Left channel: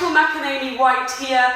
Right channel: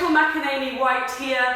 Rachael McEnaney-White here.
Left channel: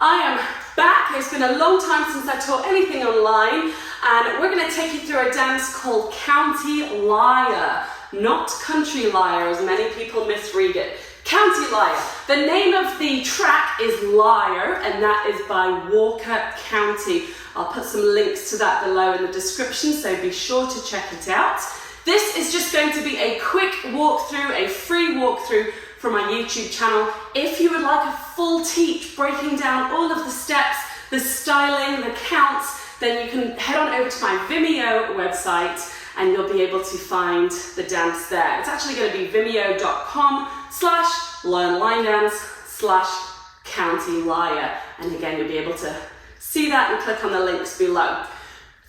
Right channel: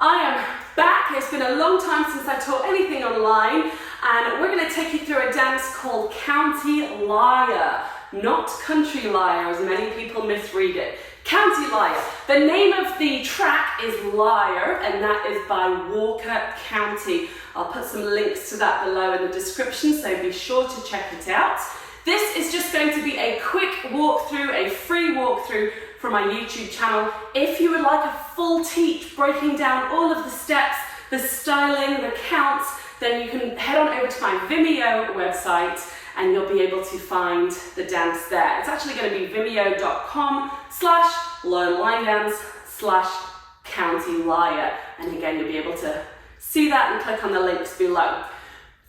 I am back. It's been a long time since I taught anything online, and we're going to take you through a dance called County Lyre, not Country Lyre, as many people misread it. County Lyre. The name of the track is Lyre, and that is by Walker County. I'll put some links to that below in the description, so be sure to check it out. This is just going to be a quick walkthrough, a free walkthrough from my YouTube channel. If you would like a full teach breaking down all of the steps, the styling, the counts, then you can head on over to my Vimeo website and you'll be able to find the dance there. It's actually going to be vimeo.com/learnlinedance/County Lyre. And again, you'll be able to see that and click on the links below.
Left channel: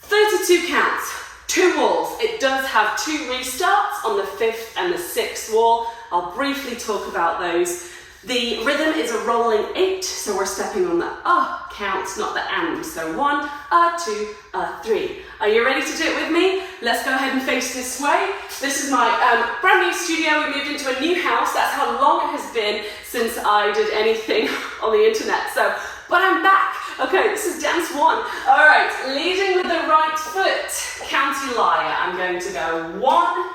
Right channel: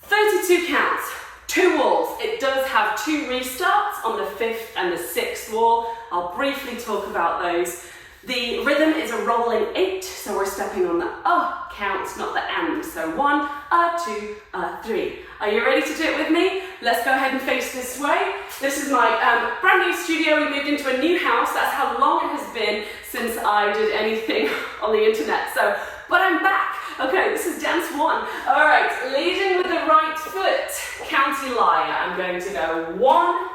32 counts. 2 walls. It does have 2 restarts on the 5th and the 6th wall. I'll briefly talk about those. The rhythm is a rolling 8, so we're stepping on the count, not the and. So 1, 2, 3. Are you ready to do it with me? Let's go ahead and face this way. This is my brand new studio. We moved into a new house. That's how long it has been since I did anything on the internet. But I'm back. Okay, this is dance 1. All right, leading with the right foot, County Lyre. I'm going to go 1,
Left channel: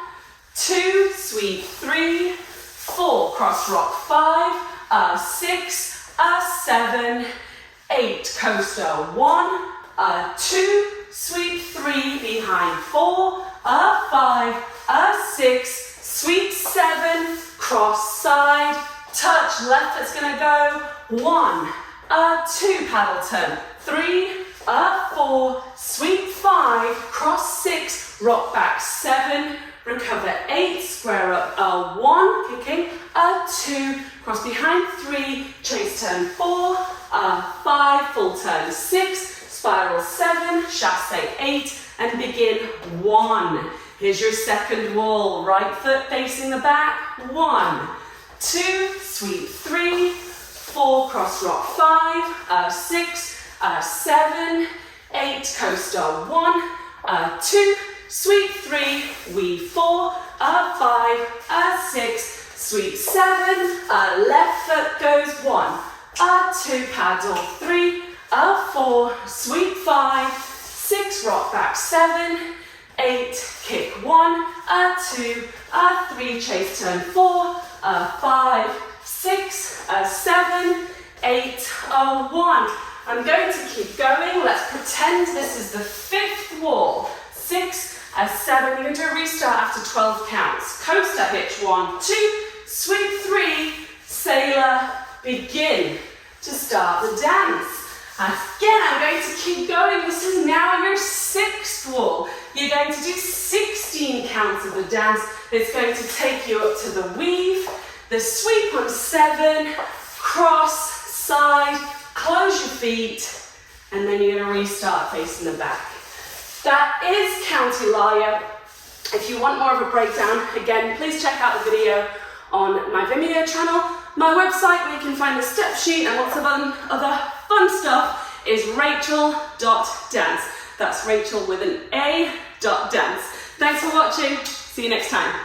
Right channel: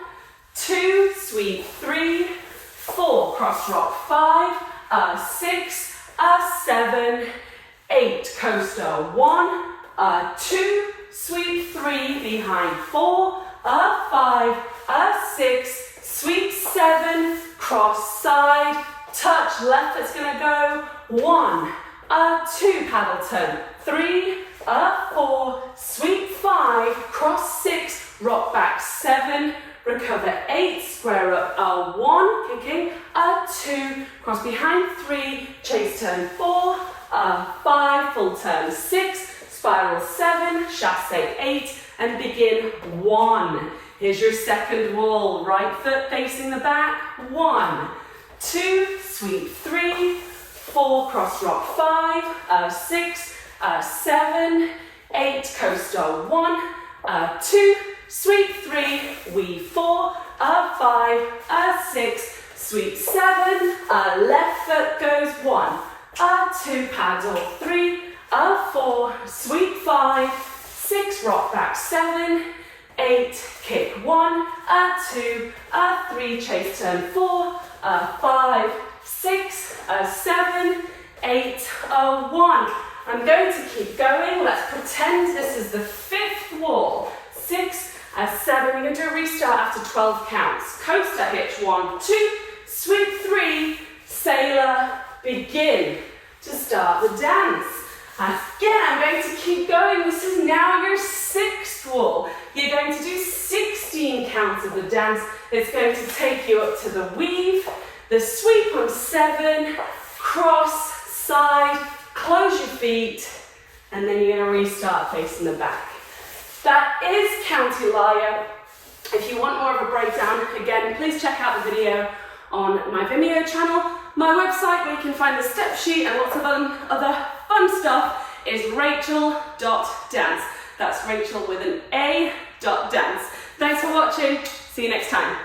2, sweep 3, 4, cross rock 5, 6, 7, 8, coaster 1, 2, sweep 3, behind 4, 5, 6, sweep 7, cross side, touch left, it's gonna go 1, 2, paddle turn, 3, 4, sweep 5, cross 6, rock back 7, recover 8, square up 1, kicking 2, cross behind 3, chase turn 4, 5, full turn 6, spiral 7, chassé 8, and begin 1. Here's your second wall, right foot facing the back, 1, 2, sweep 3, 4, cross rock 5, 6, 7, 8, coaster 1, 2, sweep 3, weave 4, 5, 6, sweep 7, left foot goes 1, 2, paddle 3, 4, sweep 5, 6, rock back 7, 8, kick 1, 2, 3, chase turn 4, 5, 6, 7, 8, 1. I'm going to keep going. Let's pretend this is the 5th wall. 6, 7. We're going to do a restart after 12 counts. Coaster hitch 1, 2, sweep 3, sailor, begin to start the dance. Again, I'm going to keep going. This is now your 6th wall. You're going to do 16 counts of the dance. It's going to take you up to the weave, the sweep on 7, cross, side, close your feet, and then you're going to restart facing the back. That is County Lyre. If you want more of a breakdown, again, please check out the video on my Vimeo channel. My website, where you can find the step sheet and lots of other fun stuff, is rachel.dance. That's Rachel with an A.dance. Thanks for watching. See you next time.